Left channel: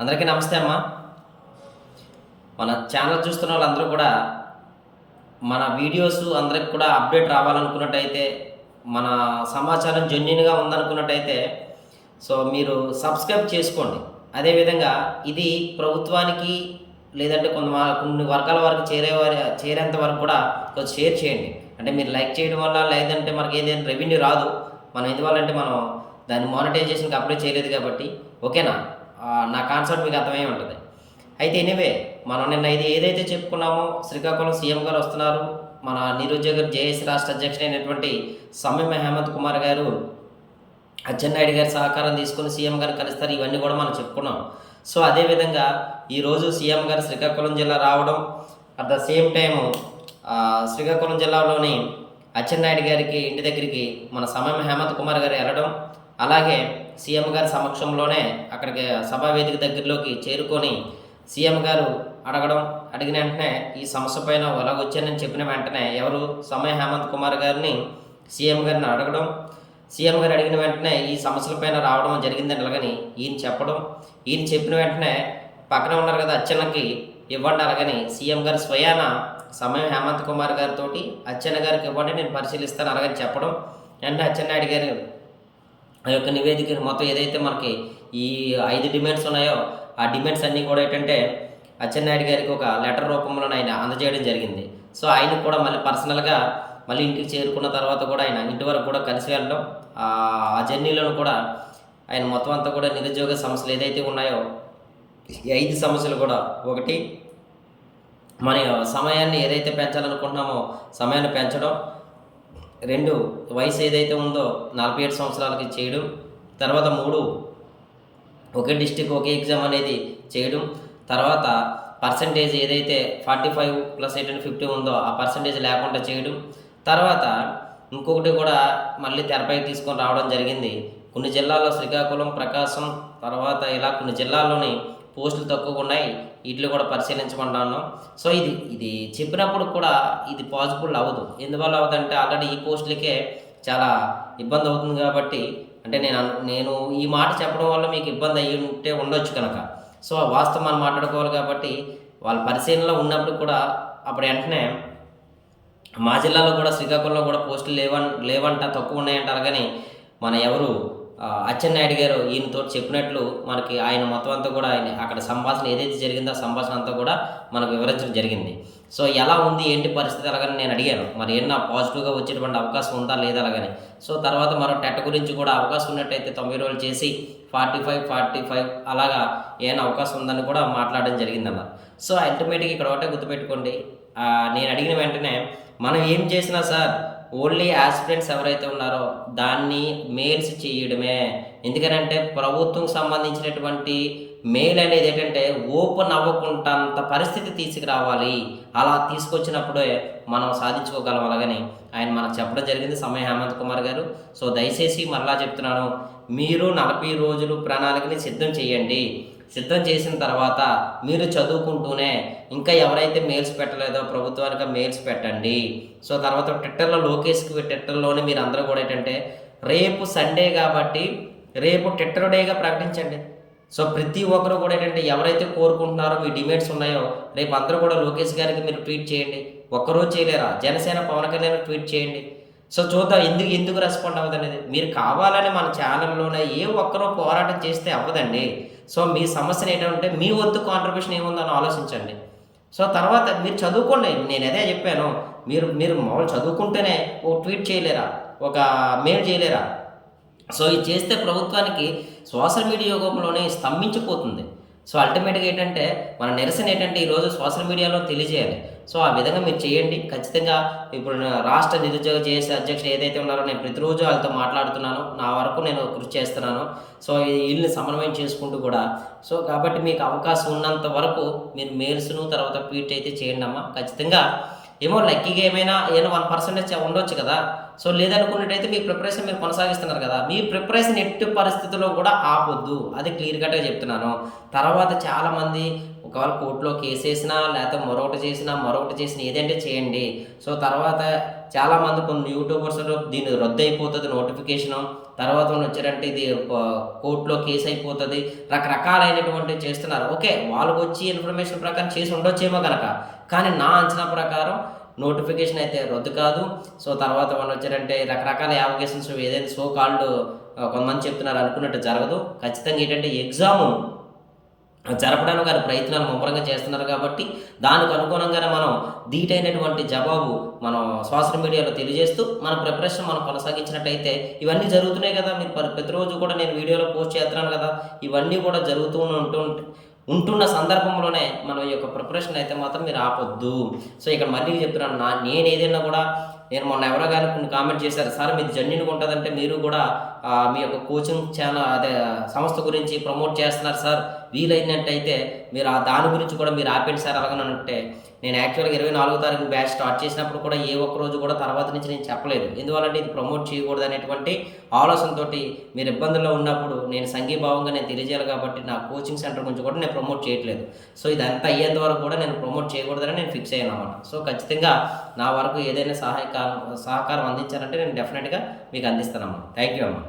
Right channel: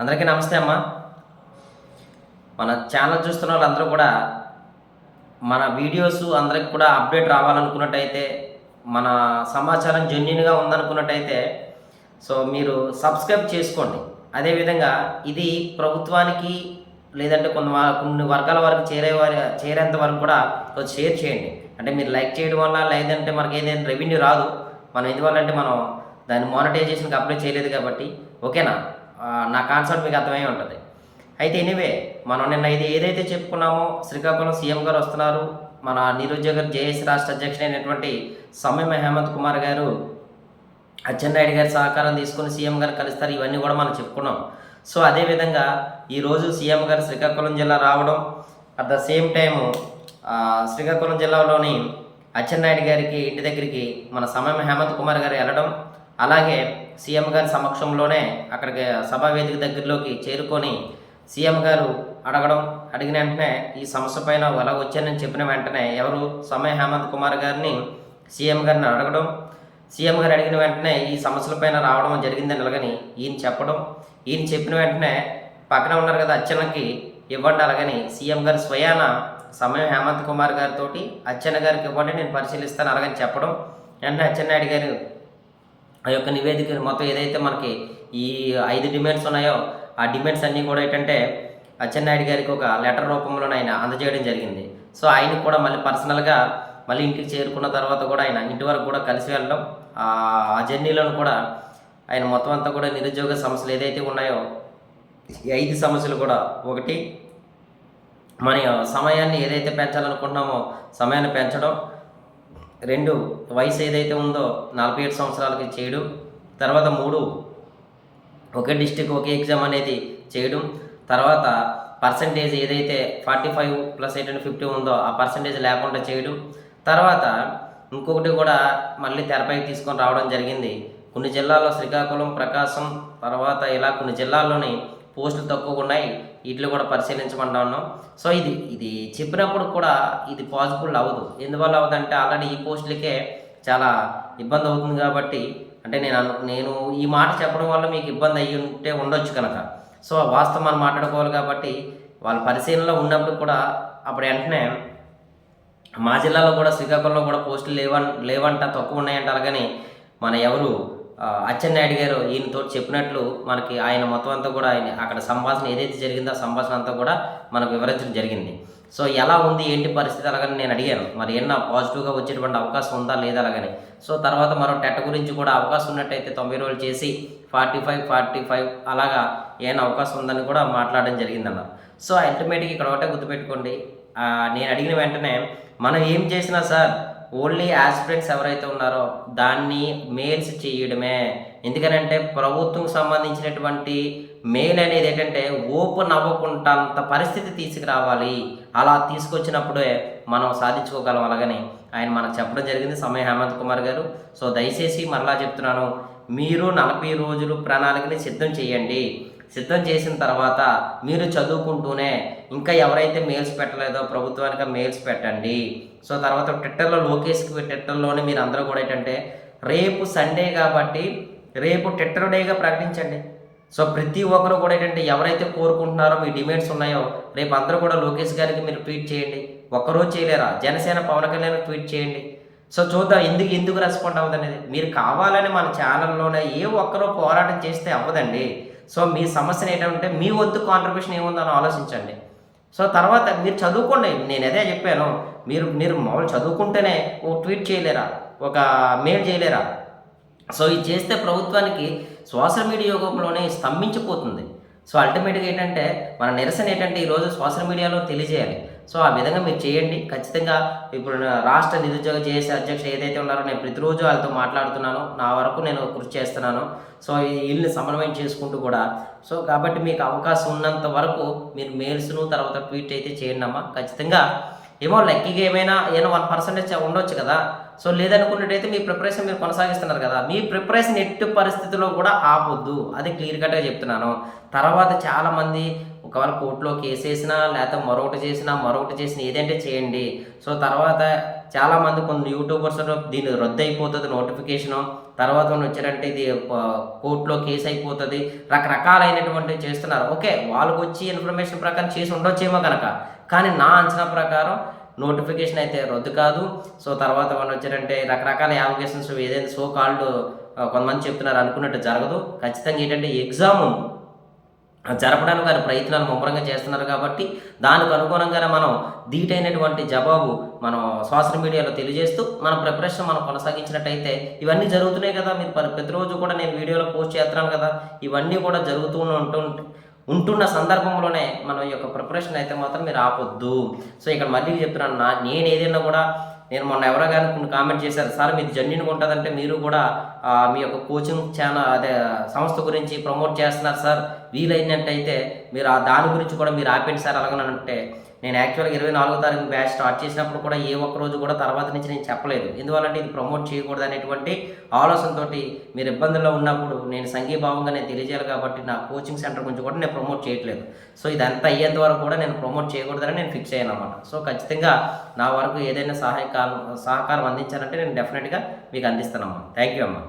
అందరికీ నమస్తే అమ్మ. మన ఛానల్ చూస్తున్న వాళ్ళందరూ కూడా మన వీడియోస్ అందరికి కూడా అప్డేట్ రావాలనుకున్నట్టయితే, మన సమాచారం జెన్యూన్‌గా ఉందనుకున్నట్టయితే సో మీరు సబ్స్క్రైబ్ చేసుకోండి. అదేవిధంగా ఇది ప్రభుత్వానికి లేదంటే కొన్ని వర్గాల వరకు చేరేంత వరకు కూడా కొంచెం షేర్ చేయండి. అంటే మీరు లైక్ చేయడం వల్ల లేదంటే మనకి ఏదైనా రెవెన్యూ రాదు. మనం ఎందువల్లంటే మనం దాన్ని మానిటైజేషన్‌కి అప్లై చేయలేదు కాబట్టి. ఓకేనా? నా కాన్సెప్ట్ మీకు అర్థమై ఉంటది. అయితే ఎనీవే మనం నిన్న ఇది ఏదైతే చెప్పుకున్నామో శ్రీకాకుళం సీఎం గారు వస్తున్నారు. మన నిరుద్యోగ జేఏసీ రాష్ట్ర అధ్యక్షుడైనటువంటి సమ్మెమ హేమంత్ కుమార్ గారు అచ్చెన్నాయుడు గారి సహకారం తీసుకొని సీఎం గారు కలుస్తారు. ఇవన్నీ కూడా మనం చెప్పుకున్నాం. సో అదేవిధంగా ఈరోజు సీఎం గారు శ్రీకాకుళం జిల్లా రావడం, at the same time Srikakulam జిల్లాలోని అచ్చెన్నాయుడు గారికి ఇంటి దగ్గరికి మన సమ్మెమ హేమంత్ కుమార్ గారు వెళ్ళడం, అలాగే సీఎం గారి సమక్షంలోనే అక్కడికి సభా వేదిక దగ్గరలోకి చేరుకొని సీఎం గారు అడిగిన వెంటనే ఈ సమస్య పైన ఎలాగొచ్చానని చెప్పిన వెంటనే ఎవరు సమ్మె హేమంత్ కుమార్ గారిని సీఎం గారిని అడగడం, సీఎం గారు అడిగిన వెంటనే ఈ సమస్యలపైన రావడం జరిగిందని అలాగని ఈయన చెప్పడం, ఈయన చెప్పిన వెంటనే పక్కన ఉన్నారు కదా అచ్చెన్నకి ఇవ్వండి అలాగని సీఎం గారు స్వయాన సమ్మె హేమంత్ కుమార్ గారితో అచ్చెన్న గారికి ఇవ్వండి నేను పరిశీలిస్తాను అలాగని చెప్పడం, వెంటనే అచ్చెన్నాయుడు గారు ఆ యొక్క నివేదికను మొత్తం ఏదైతే మనకి ఈ 5 డిమాండ్స్ ఉన్నాయో ఆ డిమాండ్స్ అన్నీ కూడా ఏంటంటే అచ్చెన్నాయుడు గారికి ఒక లెటర్ రూపంలో ఆయన అందజేయడం జరిగింది. సో ఆయనకు కూడా మళ్ళీ పర్సనల్గా మళ్ళీ ఇంటికి చేరుకున్న తర్వాత కూడా ఆయన ఇంటి వరకు కూడా కలిసి వెళ్ళడం, ఆ జర్నీలను కూడా ఆయన మొత్తం అంతా కూడా నిరుద్యోగ సమస్యలు ఏదైతే ఉన్నాయో ఈ 5 సమస్యలు కూడా, ఒకటి మన సమయాన్ని ఏదైతే పెంచాలనుకుంటున్నామో సమయాన్ని పెంచడం, 2 వయసు ఏదైతే ఉందో 47 సంవత్సరాలకి చేయడం, తర్వాత 3 ఒకే డిస్టిక్ ఒకే ఎగ్జామ్ అనేది చేయడం, తర్వాత పర్సంటేజ్ ఏదైతే 45 ప్లస్ 50 ఉందో ఆ పర్సంటేజ్ లేకుండా చేయడం, తర్వాత ఇంకొకటి కూడా మళ్ళీ తెరపైకి తీసుకొని రావడం జరిగింది. కొన్ని జిల్లాల్లో శ్రీకాకుళం, ప్రకాశం, తర్వాత ఇలా కొన్ని జిల్లాల్లోని పోస్టులు తక్కువగా ఉన్నాయి, వీటిలో కూడా పరిశీలించమంటాను. సో ఇది చెప్పినప్పుడు కూడా ఇది పాసిబుల్ అవ్వదు. ఎందువల్ల అవ్వదంటే ఆల్రెడీ ఈ పోస్టులకే చాలా ఇబ్బంది అవుతుంది కాబట్టి, అంటే నేను ఈ మాట చెప్పడం వల్ల మీకు ఇబ్బంది అయ్యి ఉంటే ఉండొచ్చు కనుక, సో వాస్తవం మనం మాట్లాడుకోవాలి కాబట్టి వాళ్ళ పరిశీలనలో ఉన్నప్పుడు కూడా అప్పుడు వెంటనే మా జిల్లాలో కూడా శ్రీకాకుళంలో కూడా పోస్టులు లేవంట తక్కువ ఉన్నాయంట అలాగని మన ఎవరు అచ్చెన్నాయుడు గారు ఈయనతో చెప్పినట్లు మనకి ఆయన మొత్తం అంతా కూడా ఆయన అక్కడ సంభాషణ ఏదైతే జరిగిందో ఆ సంభాషణ అంతా కూడా మనకు వివరించడం జరిగింది. సో ఎలా ఉంది ఏంటి పరిస్థితి అలాగని నేను అడిగాను, మరి ఏమన్నా పాజిటివ్గా వచ్చేటువంటి అవకాశం ఉందా లేదా అలాగని. సో తర్వాత మరో టెట్ గురించి కూడా అవకాశం ఉన్నట్టయితే 90 రోజులు చేసి 45 అలాగా ఏమైనా అవకాశం ఉందని కూడా మాట్లాడడం జరిగిందన్నారు. సో అల్టిమేట్గా ఇక్కడ ఒకటే గుర్తుపెట్టుకోండి, నేను అడిగిన వెంటనే మనం ఏం చేసినా సార్ ఓన్లీ యాస్పిరెంట్స్ ఎవరైతే ఉన్నారో దాన్ని మెయిల్స్ చేయడమే. ఎందుకనంటే ప్రభుత్వం సంబంధించినటువంటి మెయిల్ అనేది ఏంటంటే ఓపెన్ అవ్వకుంటంత పరిస్థితి తీసుకురావాలి. అలా తీసుకొచ్చినప్పుడే మనం సాధించుకోగలం అలాగని ఆయన మనకు చెప్పడం జరిగింది సమ్మె హేమంత్ కుమార్ గారు. సో దయచేసి మరలా చెప్తున్నాను, మీరు 40 రోజులు ప్రణాళికని సిద్ధం చేయండి. సిద్ధం చేసిన తర్వాత మీరు చదువుకుంటూనే ఇంకా ఎవరైతే మెయిల్స్ పెట్టలేదో ప్రభుత్వానికి మెయిల్స్ పెట్టండి. సో తర్వాత ట్విట్టర్లోనే మీరు అందరూ కూడా ఏంటంటే రేపు సండే కాబట్టి రేపు ట్విట్టర్ డేగా ప్రకటించండి. సో ప్రతి ఒక్కరు కూడా ఏంటంటే ఎవరైతే కోరుకుంటున్నారో మీ డిమాండ్స్ ఉన్నాయో రేపు అందరూ కూడా లోకేష్ గారికి మీరు ట్వీట్ చేయండి. ఒక్కరోజు చేయలేరా? జనసేన పవన్ కళ్యాణ్ ట్వీట్ చేయండి. సో చూద్దాం ఎందుకు రెస్పాండ్ అవ్వదు అనేది. మీరు కావాలని మన ఛానల్లోనే ఏ ఒక్కరో పోరాటం చేస్తే అవ్వదండి. సో మీ సమస్యను ఏంటంటే మీ వంతు కాంట్రిబ్యూషన్ ఏముందని ఆలోచించండి. సో తర్వాత మీరు చదువుకోండి, నేను అదే చెప్పాను, మీరు మామూలు చదువుకుంటేనే ఒక ట్వీట్ చేయలేరా, ఒక మెయిల్ చేయలేరా? సో ఇది చేస్తే ప్రభుత్వానికి సోషల్ మీడియా యుగంలోనే స్తంభించిపోతుంది. సో అల్టిమేట్గా ఏంటంటే మన నిరసన ఏంటంటే ఈరోజు సోషల్ మీడియాలో తెలియజేయాలి. సో ఆ విధంగా మీరు చేయండి. ఖచ్చితంగా ఇప్పుడు రాష్ట్ర నిరుద్యోగ జేఏసీ అధ్యక్షుడు ఏదైతే ఉన్నారో నేను ప్రతిరోజు వాళ్ళతో మాట్లాడుతున్నాను, నా వరకు నేను కృషి చేస్తున్నాను. సో వీళ్ళని సమన్వయం చేసుకుంటూ కూడా సో కాబట్టి మీకు అవకాశం ఉన్నంత వరకు మీరు మెయిల్స్ను తర్వాత ట్వీట్ అయితే చేయండి అమ్మా. ఖచ్చితంగా ఏమో లక్కీగా ఏమైనా 1% ఉండొచ్చు కదా. సో లేదనుకున్నట్టయితే మీ ప్రిపరేషన్ మీరు కొనసాగిస్తున్నారు కదా, మీ ప్రిపరేషన్ ఎట్టి పరిస్థితుల్లో కూడా ఆపొద్దు. అది క్లియర్ కట్‌గా చెప్తున్నాను. తర్వాత చాలామంది ఒకవేళ కోర్ట్‌లో కేసేసినా, లేతే మరొకటి చేసినా ఏదంటే చేయండి. సో తర్వాత చాలామంది కొన్ని యూట్యూబర్స్ దీన్ని రద్దయిపోతది నోటిఫికేషను. తర్వాత వచ్చారంటే ఇది కోర్ట్‌లో కేస్ అయిపోతది. రకరకాలైనటువంటివి చేస్తున్నారు. ఓకే. వాళ్ళకొచ్చి ఇన్ఫర్మేషన్ ప్రకారం చేసి ఉండొచ్చేమో గనక. కానీ నా అంచనా ప్రకారం నోటిఫికేషన్ అయితే రద్దు కాదు. సో తర్వాత వచ్చారంటే రకరకాల యావిగేషన్స్ ఏదైతే సో కాల్డ్ కొంతమంది చెప్తున్నారు అనుకున్నట్టు జరగదు. ఖచ్చితంగా ఏంటంటే ఎగ్జాము జరపడానికి వారు ప్రయత్నాలు ముమ్మరంగా చేస్తున్నారు కాబట్టి, దానికి అనుగుణంగానే మనం ధీటైనటువంటి జవాబు మనం సోషల్ మీడియాలో తెలియజేస్తూ, మన ప్రిపరేషన్ మనం కొనసాగించినట్టయితే ఇవన్నీ జరుగుతున్నాయి కదా! మీరు ప్రతిరోజు కూడా నేను వీడియోలో పోస్ట్ చేస్తున్నాను కదా! ఇవన్నీ కూడా జరుగుతూ ఉంటున్న సందర్భంలోనే మనం ఈ యొక్క ప్రిపరేషన్ అయితే మాత్రం మీరు ఆపొద్దు. సో ఇక్కడ మళ్ళీ చెప్తున్నాను, నేనేదైనా కూడా నేను మొన్న ఎవరో గాని కొన్ని కామెంట్ చేశారు. సార్ మీది జెన్యూన్‌గా ఉంటదంటే మీరు కూడా మీ యొక్క కోచింగ్ అదే సంస్థ గురించి ప్రమోట్ చేస్తున్నారు సార్. వీలైనట్టయితే మీరు దాని గురించి కూడా మీరు ఆపేయండి సార్ అలాగనంటే, నేను యాక్చువల్‌గా 24వ తారీఖున బ్యాచ్ స్టార్ట్ చేసినప్పుడు కూడా ఏ ఒక్క రోజు కూడా తర్వాత నుంచి నేను చెప్పలేదు. ఎందువల్లంటే ఇది ప్రమోట్ చేయకూడదు అనేటువంటి ఆలోచనతోటి మీరు ఇబ్బందుల్లో ఉన్నప్పుడు నేను సంఘీభావంగా నేను తెలియజేయాలి కాబట్టి నా కోచింగ్ సెంటర్ గురించి కూడా నేను ప్రమోట్ చేయట్లేదు. సో ఇదంతా అయ్యేంత వరకు కూడా నేను ప్రమోట్ చేయకూడదని నేను ఫిక్స్ అయ్యానన్నమాట. సో ఖచ్చితంగా నా వరకు ఏదైనా సహకారం అందించాలంటే నేను డెఫినెట్‌గా మీకు అందిస్తానమ్మా. థ్యాంక్ యూ అమ్మా.